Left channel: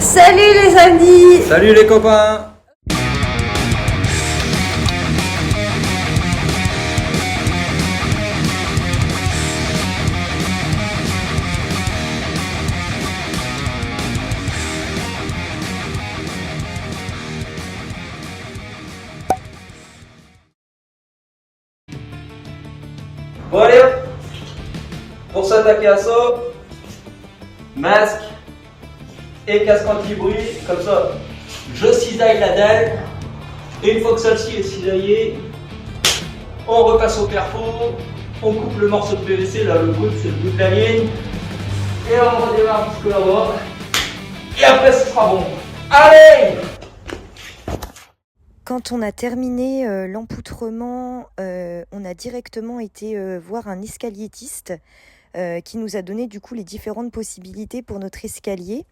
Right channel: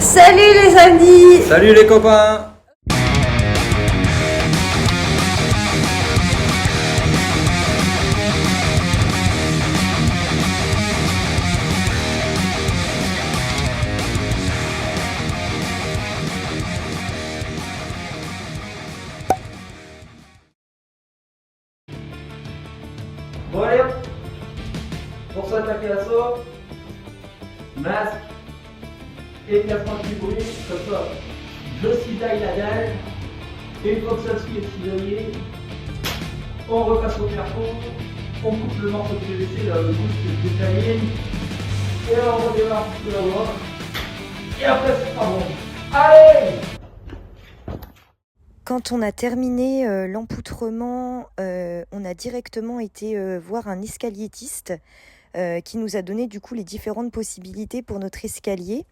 Salut les amis! Salut les copains! Bon allez hop, pour s'attaquer à ça, masque et casque anti-bruit, comme ça je cisaille la dalle, et une fois que celle-ci est cisaillée, on repasse au carrefour, on coupe le morceau de PVC, là le brut c'est le bout de la ligne, et on redémarre un petit peu là-bas, et après ce sera bon. Allez! Quand on a terminé l'empoutrement, on a directement été voir un escaliétiste qui nous a donné du coup les différentes possibilités pour notre escalier.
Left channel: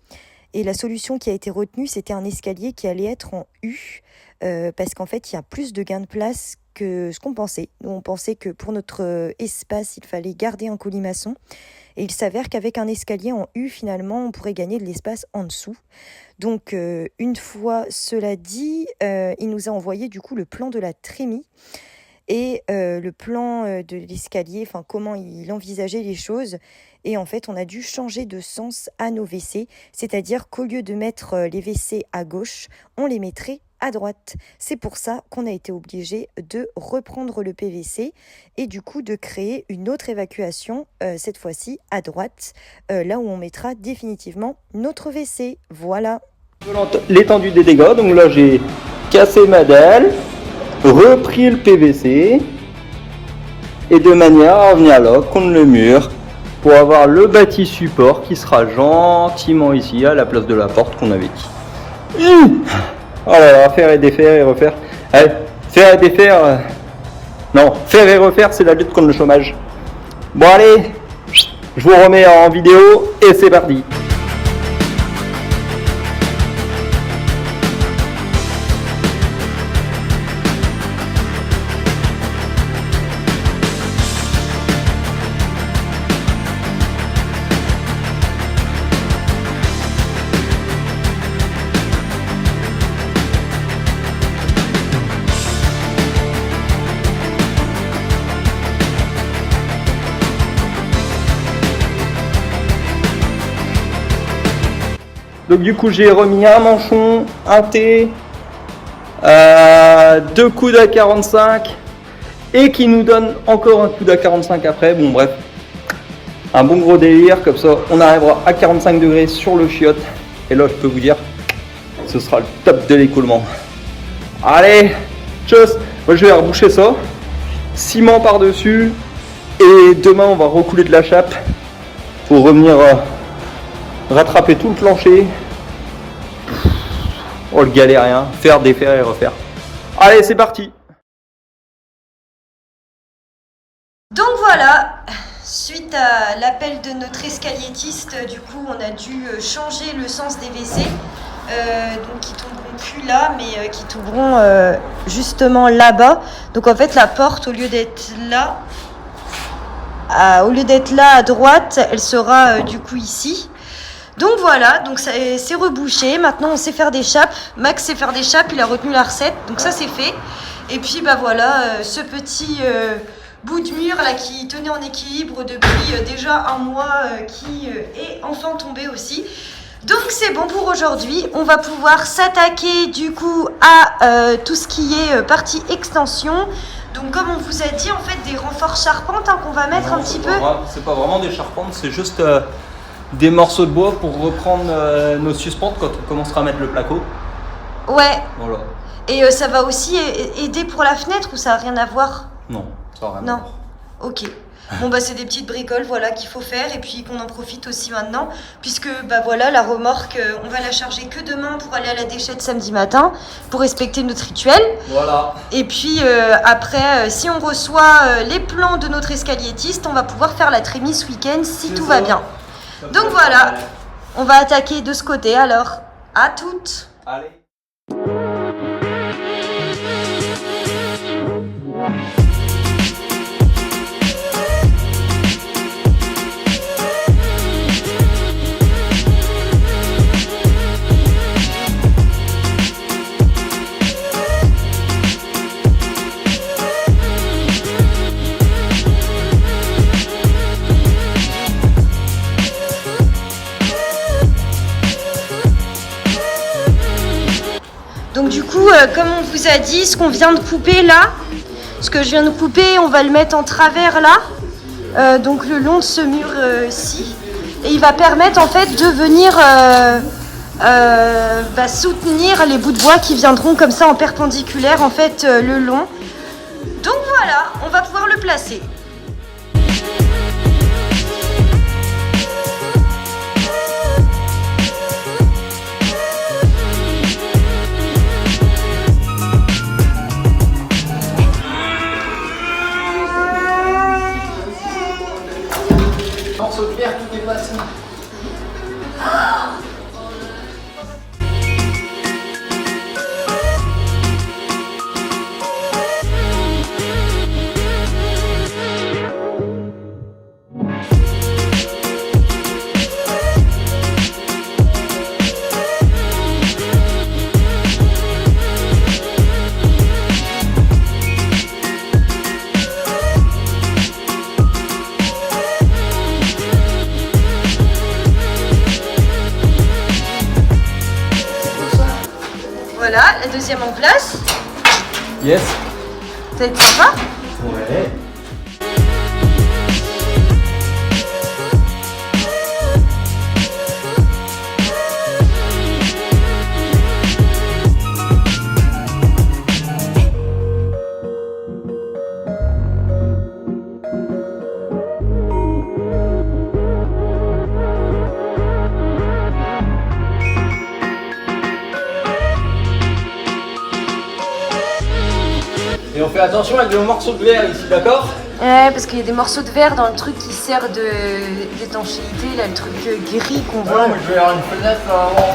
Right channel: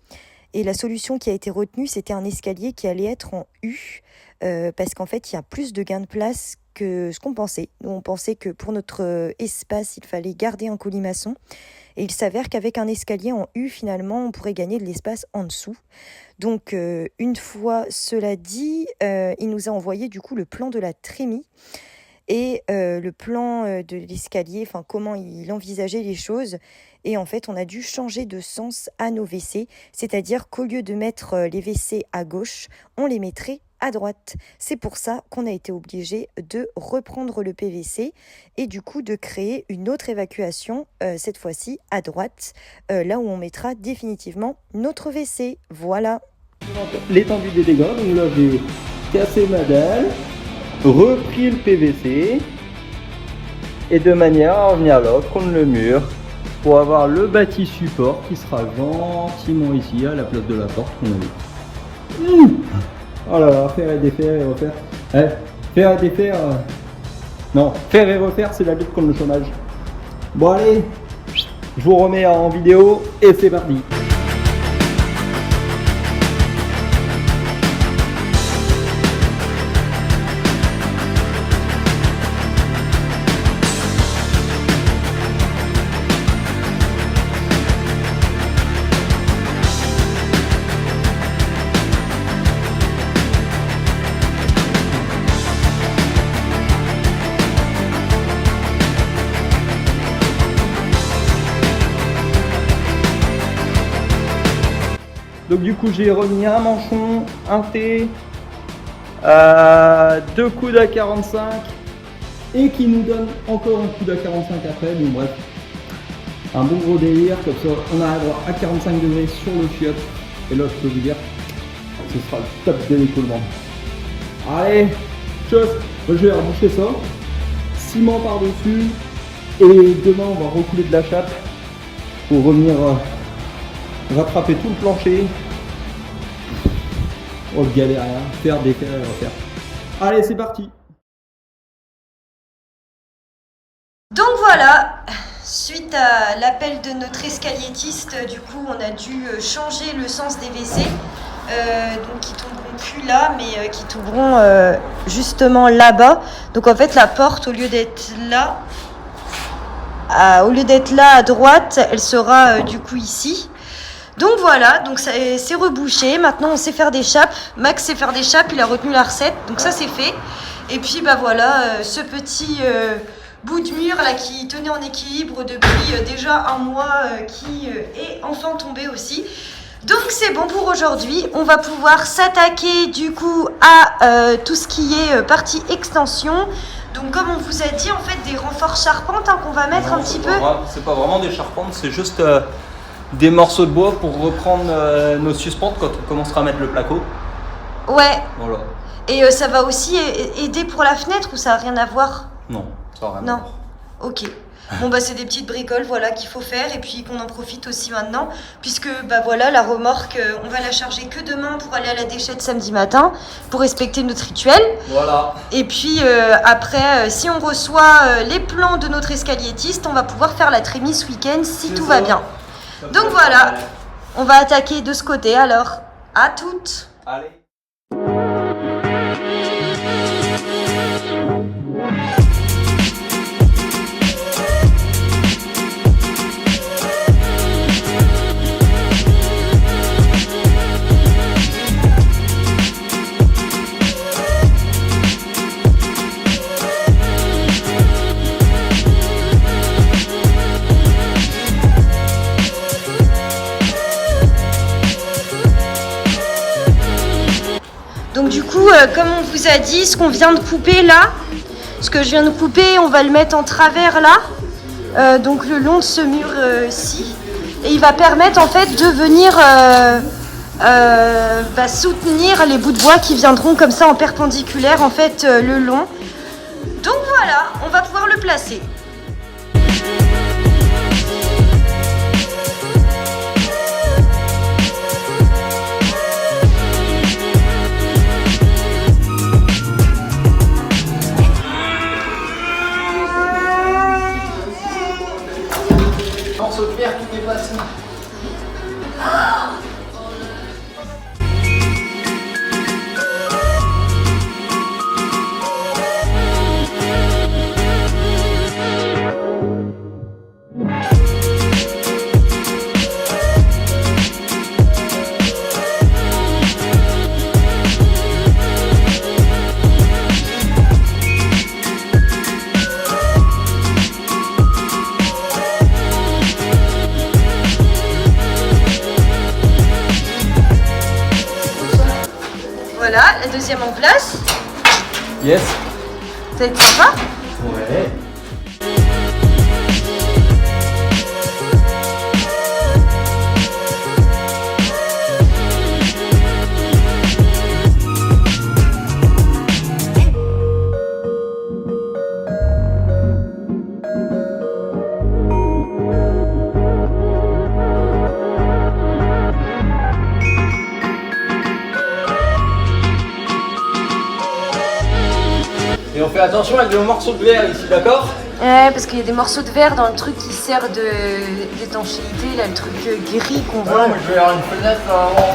Et la solution qui a été retenue, c'était un escalier qui allait être en U, parce qu'en fait, il y a plus de gain de place que ce qu'on pensait. Nous, on pensait que pour notre espace, il fallait garder un colimaçon. Et il s'avère qu'avec un escalier en U, finalement, on pourrait gagner de l'espace en dessous. Donc, une fois cela dit, il nous a envoyé du coup le plan de la trémie et le plan de l'escalier, enfin comment il envisageait les choses. Et en fait, on a dû changer de sens à nos WC, c'est-à-dire qu'au lieu de mettre les WC à gauche, on les mettrait à droite. C'est pour ça qu'on a été obligé de reprendre le PVC et du coup de créer une autre évacuation, cette fois-ci à droite, là où on mettra définitivement notre WC. Voilà. L'étendue des dégâts, donc là j'ai cassé ma dalle, repris le PVC et de manière à revenir là contre le mur pour avoir le bâti support qui sera gentiment ici à la place de la porte qu'on avait dit. Voilà, faire et défaire et refaire. Allez, faire et défaire. Non, faire et refaire, c'est la lutte contre le chômage. Bon allez, je vous remets en vidéo et c'est parti. Donc du coup j'ai remis un manchon, un T, 2 coudes à 45 et qui nous donne encore un coude à 45 après. Bon bref, un bon gros délire, comme ça on arrivera à 45 degrés sur le chiotte. Et là je peux vous dire, ce sera le top de l'écoulement. Allez, tchuss. Moi je vais reboucher ça, ciment par dessus et demain on va recouler de la chape pour revenir rattraper tout le plancher. Oh le galérien, faire, défaire et refaire. Allez c'est parti. Donc voilà, suite à l'appel de notre escaliétiste, du coup on a dû changer le sens des WC, donc qui tomberont plus là, mais qui tomberont justement là-bas. Donc en fait la porte, au lieu d'être là, à droite, elle sera du coup ici. Donc voilà, donc c'est rebouché. Maintenant on sait faire des chapes. Max sait faire des chapes, il a retenu la recette, donc ça c'est fait. Et puis bah voilà, ce petit bout de mur là qui tenait en équilibre depuis déjà un mois, qui est enfin tombé aussi. Donc c'est bon pour aujourd'hui. On va pouvoir s'attaquer du coup à tout ce qui est partie extension. Donc comme on vous a dit, en fait des renforts charpentes qu'on va mettre un petit peu. C'est pas vraiment des charpentes, c'est juste des morceaux de bois pour reprendre nos suspentes quand on commencera à mettre le placo. Ouais. Voilà. Et ça va aussi aider pour la fenêtre ou ça n'a rien à voir? Non, ça n'a rien à voir. Non. Ok. Bon bah c'est des petites bricoles voilà qu'il faut faire et puis qu'on en profite aussi maintenant puisque bah voilà la remorque on va la charger que demain pour aller à la déchette samedi matin pour respecter notre rituel. Voilà. Et puis après si on reçoit les plans de notre escaliétiste, on va pouvoir faire la trémie ce week-end si tout va bien. Donc voilà, on va attaquer de ce côté alors. À toutes. Allez. Donc du coup, comme on vous a dit, ce qu'on vient de couper là, ce que je viens de couper, on va le mettre en travers là, donc le long de ce mur-ci. Et il va permettre en fait de venir soutenir les bouts de bois qui viendront comme ça en perpendiculaire en fait le long. Donc voilà, on va pouvoir le placer. Morceau de verre qui dépasse. Voilà, la deuxième en place. Yes. Ça va être sympa. Ouais. Et on fait attention avec le morceau de verre ici, d'accord? Ouais, parce qu'il y a des morceaux de verre dans le truc qui sert d'étanchéité, là, le truc gris qu'on voit. Ouais, mais je vais avoir une fenêtre avant.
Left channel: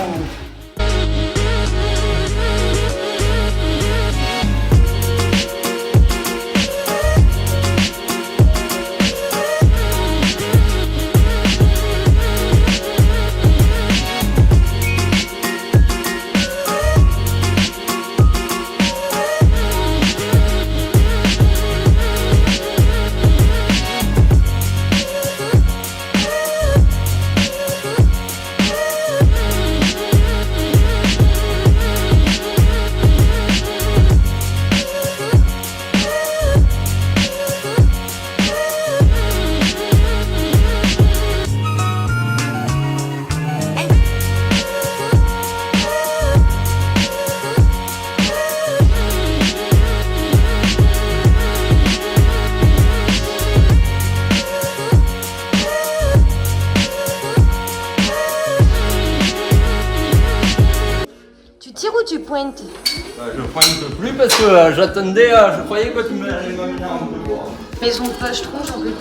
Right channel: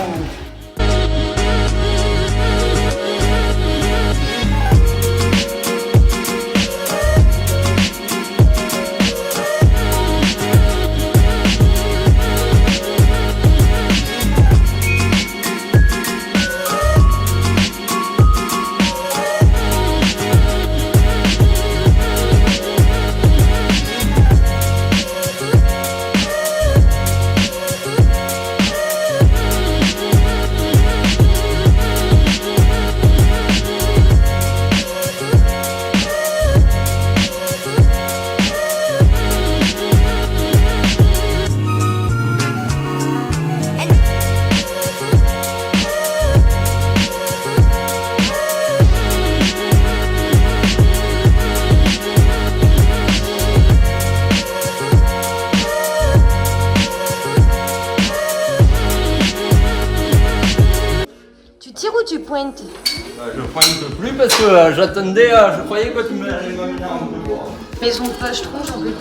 Ou tu pointes? Je pointe plus parce que j'attendais, je croyais que tu m'allais m'amener un peu loin. Maison de pochetron, j'en peux plus.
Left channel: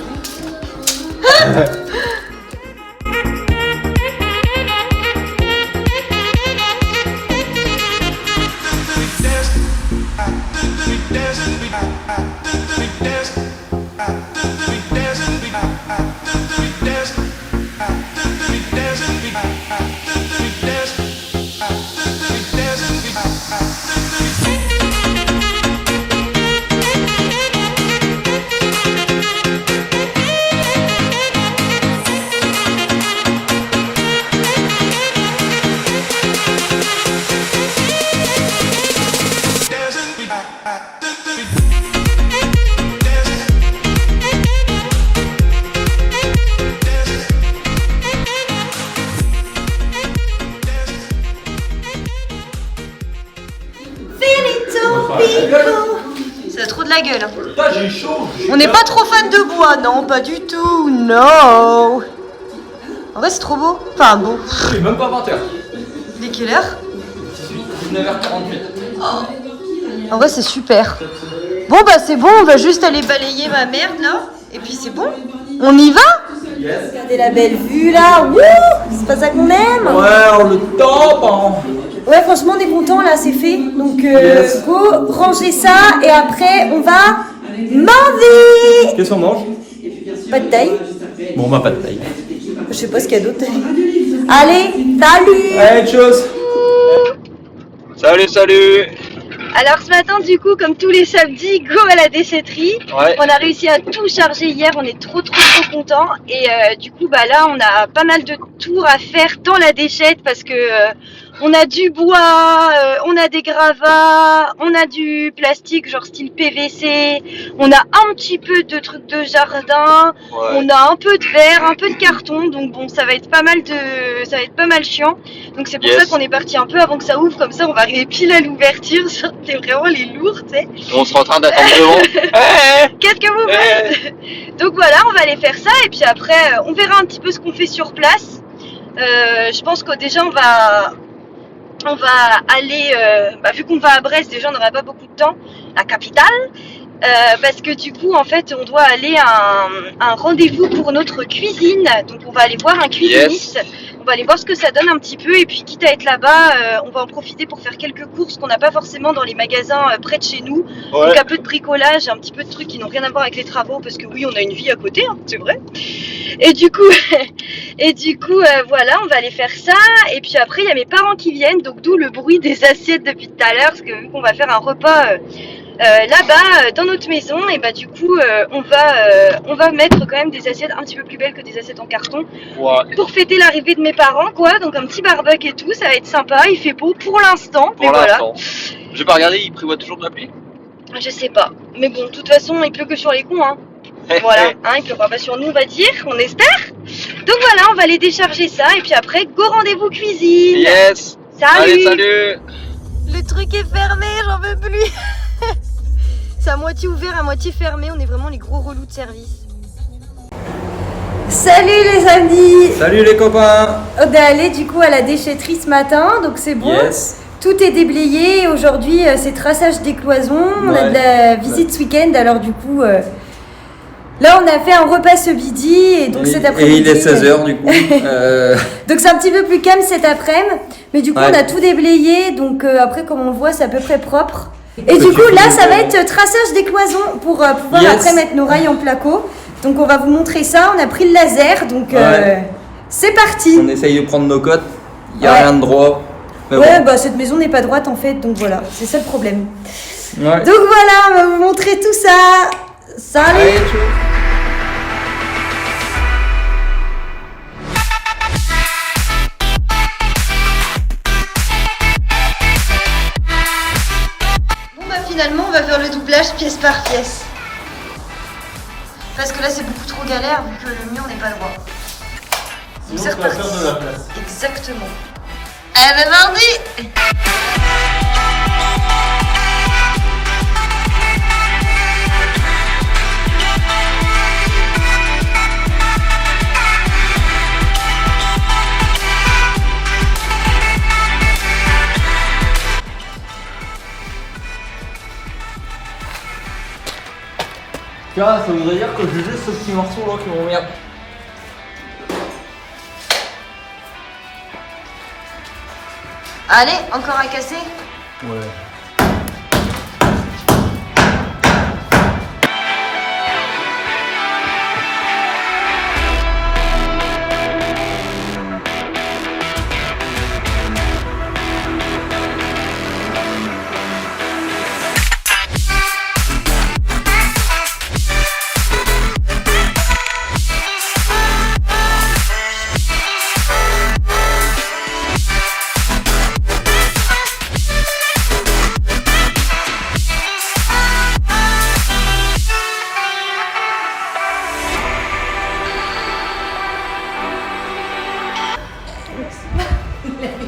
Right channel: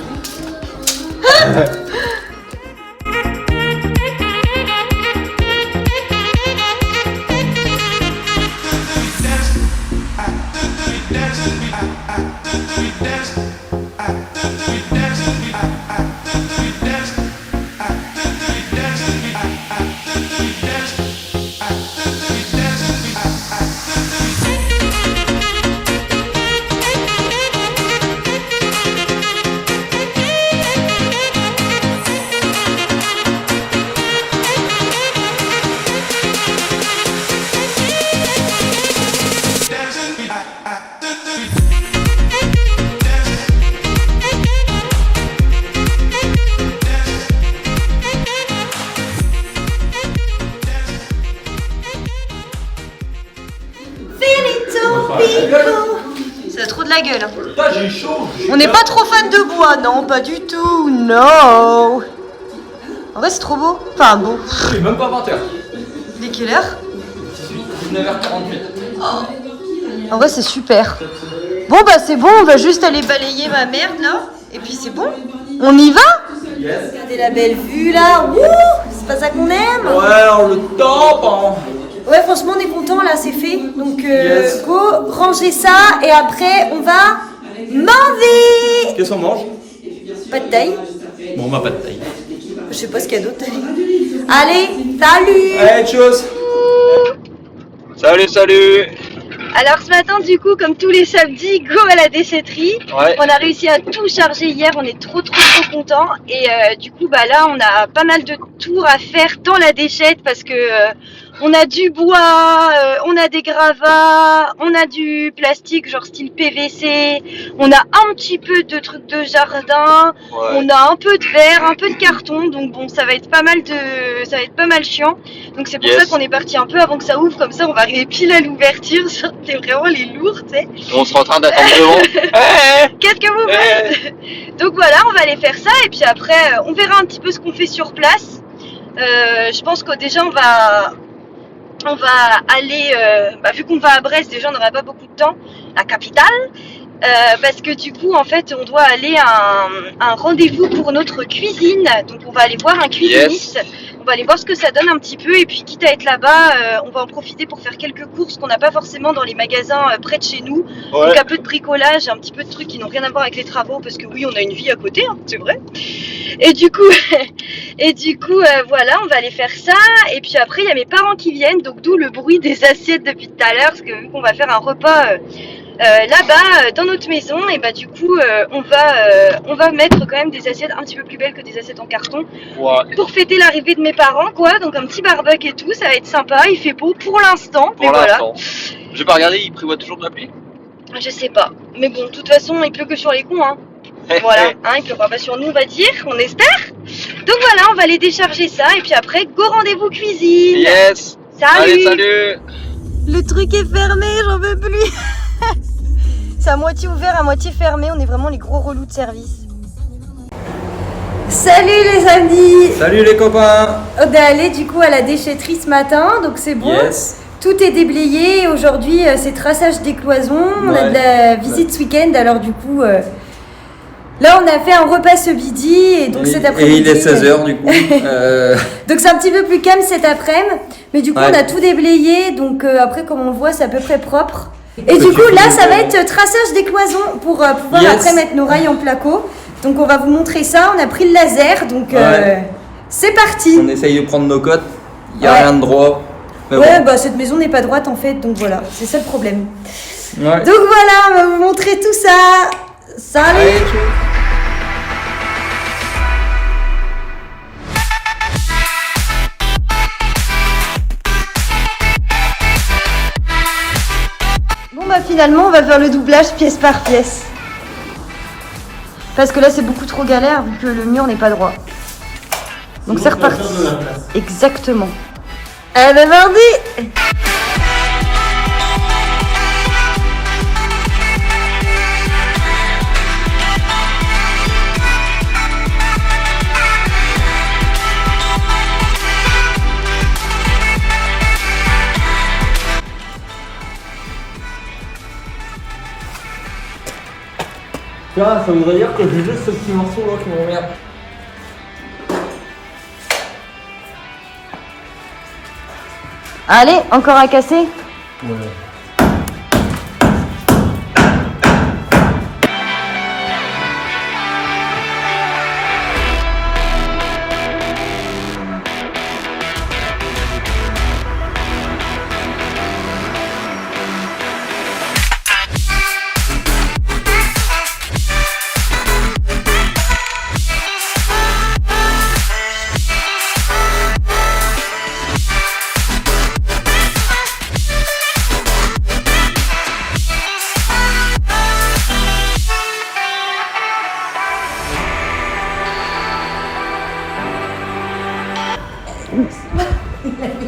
Ça a trop de la gueule. Putain, j'ai chaud. On n'est pas trop fan de bois, non, pas du tout, non. En vrai, c'est trop beau. Enfin, beau. Il est même pas 20h. Il est quelle heure? 19h48. En vrai, c'est super. Bon, bah, c'est bon, on va juste aller balayer ma merde là. Et puis, c'est bon. On y va? Yes. Regardez la belle vue là. Wouh! C'est pas ça qu'on aime? Ouais, on le tape. Hein. Ouais, franchement, on est content là, c'est fait. Donc, Yes. go, rangez ça et après, on va manger. Qu'est-ce qu'on mange? Pas de taille. Bon, bah, pas de taille. Je sais pas ce qu'il y a d'autre. Allez, salut! Allez, tchuss. Salut, salut. Alors ce matin, du coup, comme tous les samedis, go à la déchetterie. Ouais. On a réussi à tout charger hier, on est trop contents. Et du coup, bah là, on a pas mal de tours à faire dans la déchette parce que On a du bois, on a des gravats, on a du plastique genre style PVC, on a un petit peu de trucs de jardin, on a un peu de verre, un peu de carton, donc bon ça va être pas mal chiant. Donc c'est pour ça qu'on est parti un peu avant que ça ouvre, comme ça on va arriver pile à l'ouverture, c'est vraiment les lourds, tu sais. On sera en train d'attendre devant. Qu'est-ce que vous faites? Donc voilà, on va aller faire ça et puis après on verra un petit peu ce qu'on fait sur place. Je pense que déjà on va aller, vu qu'on va à Brest, déjà on n'aura pas beaucoup de temps, la capitale, parce que du coup en fait on doit aller à un rendez-vous pour notre cuisine, donc on va aller voir un cuisiniste, on va aller voir ce que ça donne un petit peu et puis quitte à être là-bas, on va en profiter pour faire quelques courses qu'on n'a pas forcément dans les magasins près de chez nous, donc un peu de bricolage, un petit peu de trucs qui n'ont rien à voir avec les travaux parce que oui on a une vie à côté, hein, c'est vrai. Et du coup, voilà, on va aller faire ça. Et puis après, il y a mes parents qui viennent, donc d'où le bruit des assiettes depuis tout à l'heure, parce que vu qu'on va faire un repas là-bas, dans notre maison, et bah du coup, on va mettre quand même des assiettes un petit peu plus belles que des assiettes en carton, pour fêter l'arrivée de mes parents, quoi. Donc un petit barbecue et tout, ça va être sympa. Il fait beau pour l'instant, mais voilà. Je vais pas regarder, il prévoit toujours de la pluie. Je sais pas, mais bon, de toute façon, il pleut que sur les cons, hein. Voilà, hein, il pleuvra pas sur nous, on va dire, on espère. Donc voilà, on va aller décharger ça et puis après, go rendez-vous cuisine. Yes. Salut. Allez, salut. Le truc est fermé, j'en veux plus. C'est à moitié ouvert, à moitié fermé, on est vraiment les gros relous de service. Salut les amis. Salut les copains. On est allé du coup à la déchetterie ce matin, donc c'est bon. Yes. Tout est déblayé, aujourd'hui c'est traçage des cloisons, on a de la visite ce week-end, alors du coup... Là, on a fait un repas ce midi et donc cet après-midi. Et il est 16h du coup. Donc c'est un petit peu plus calme cet après-midi. Mais du coup, on a tout déblayé. Donc après, comme on le voit, c'est à peu près propre. Et du coup, là, ça va être traçage des cloisons pour pouvoir après mettre nos rails en placo. Donc on va vous montrer ça. On a pris le laser. Donc c'est parti. On essaye de prendre nos cotes. Il n'y a rien de droit. Bah cette maison n'est pas droite en fait. Donc voilà, c'est ça le problème. Donc voilà, on va vous montrer tout ça. Salut. Allez, bon bah finalement on va faire le doublage pièce par pièce. Parce que là c'est beaucoup trop galère vu que le mur n'est pas droit. Donc c'est reparti. Exactement. Eh ben mardi. Ça voudrait dire que j'ai juste ce petit morceau là qui m'emmerde. Allez, encore à casser. Ouais.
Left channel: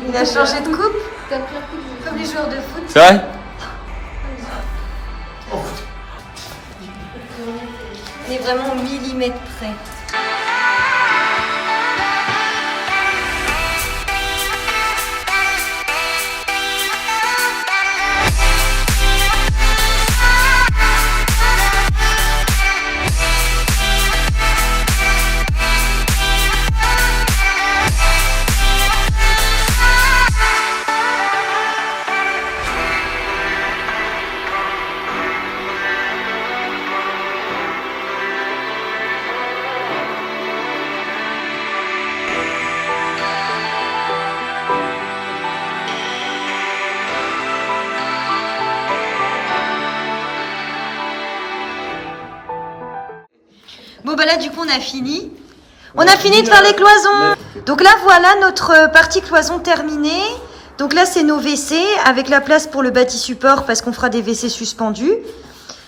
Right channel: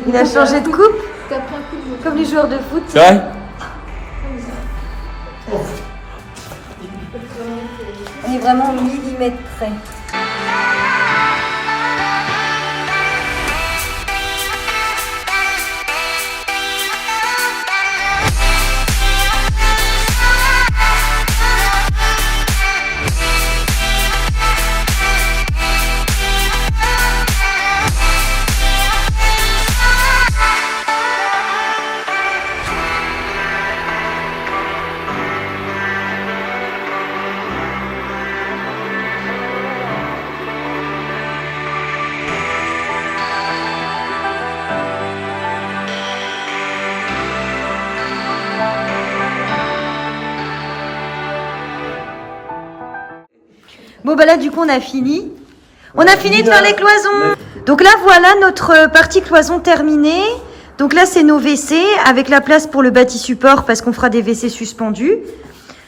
Il a changé de coupe, comme les joueurs de foot. C'est vrai? On est vraiment au millimètre près. Bon bah là du coup on a fini. On a fini de faire les cloisons. Donc là voilà notre partie cloison terminée. Donc là, c'est nos WC avec la place pour le bâti support parce qu'on fera des WC suspendus.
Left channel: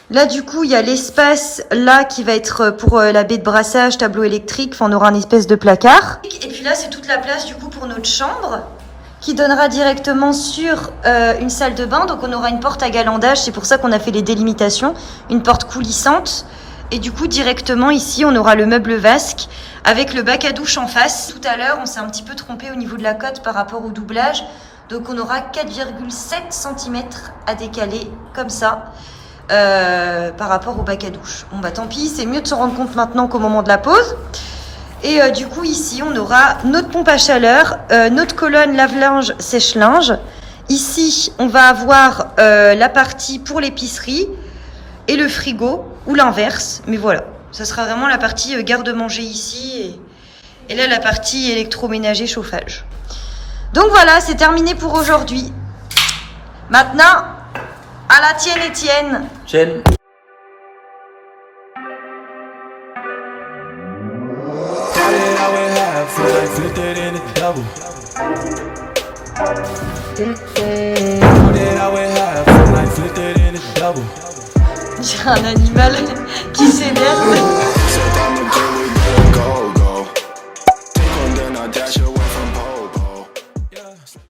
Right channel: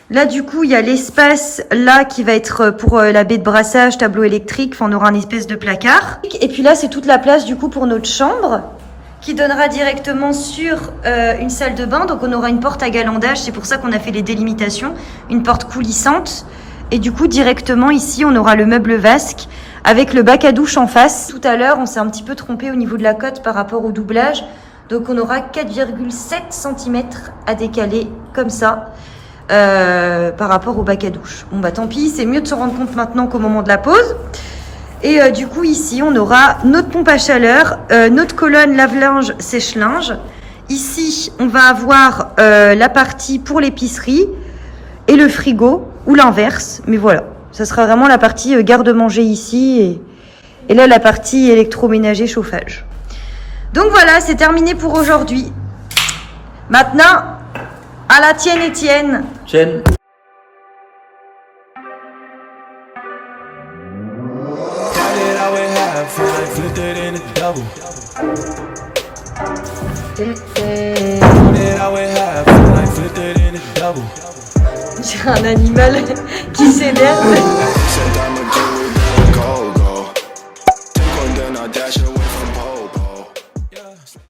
Là, du coup, il y a l'espace là qui va être pour la baie de brassage, tableau électrique. Enfin, on aura une espèce de placard. Et puis là, c'est toute la place du coup pour notre chambre qui donnera directement sur une salle de bain. Donc, on aura une porte à galandage. C'est pour ça qu'on a fait les délimitations. Une porte coulissante. Et du coup, directement ici, on aura le meuble vasque avec le bac à douche en face. Tout à l'heure, on s'est un petit peu trompé au niveau de la cote par rapport au doublage. Donc, on aura 4,7 cm à décaler comme ça. Par rapport au bac à douche. Bon bah tant pis, c'est mieux de se rendre compte maintenant qu'au moment de la pause. Et du coup ici on aura notre pompe à chaleur, notre colonne lave-linge, sèche-linge. Ici on va avoir la partie pour l'épicerie et le frigo, ou l'inverse, mais voilà. Ça sera vraiment la partie garde-manger ici et là la partie électroménager chauffage. Donc voilà, c'est terminé pour aujourd'hui. Maintenant, à la tienne, Étienne. Chaîne. J'ai un animal qui s'énerve.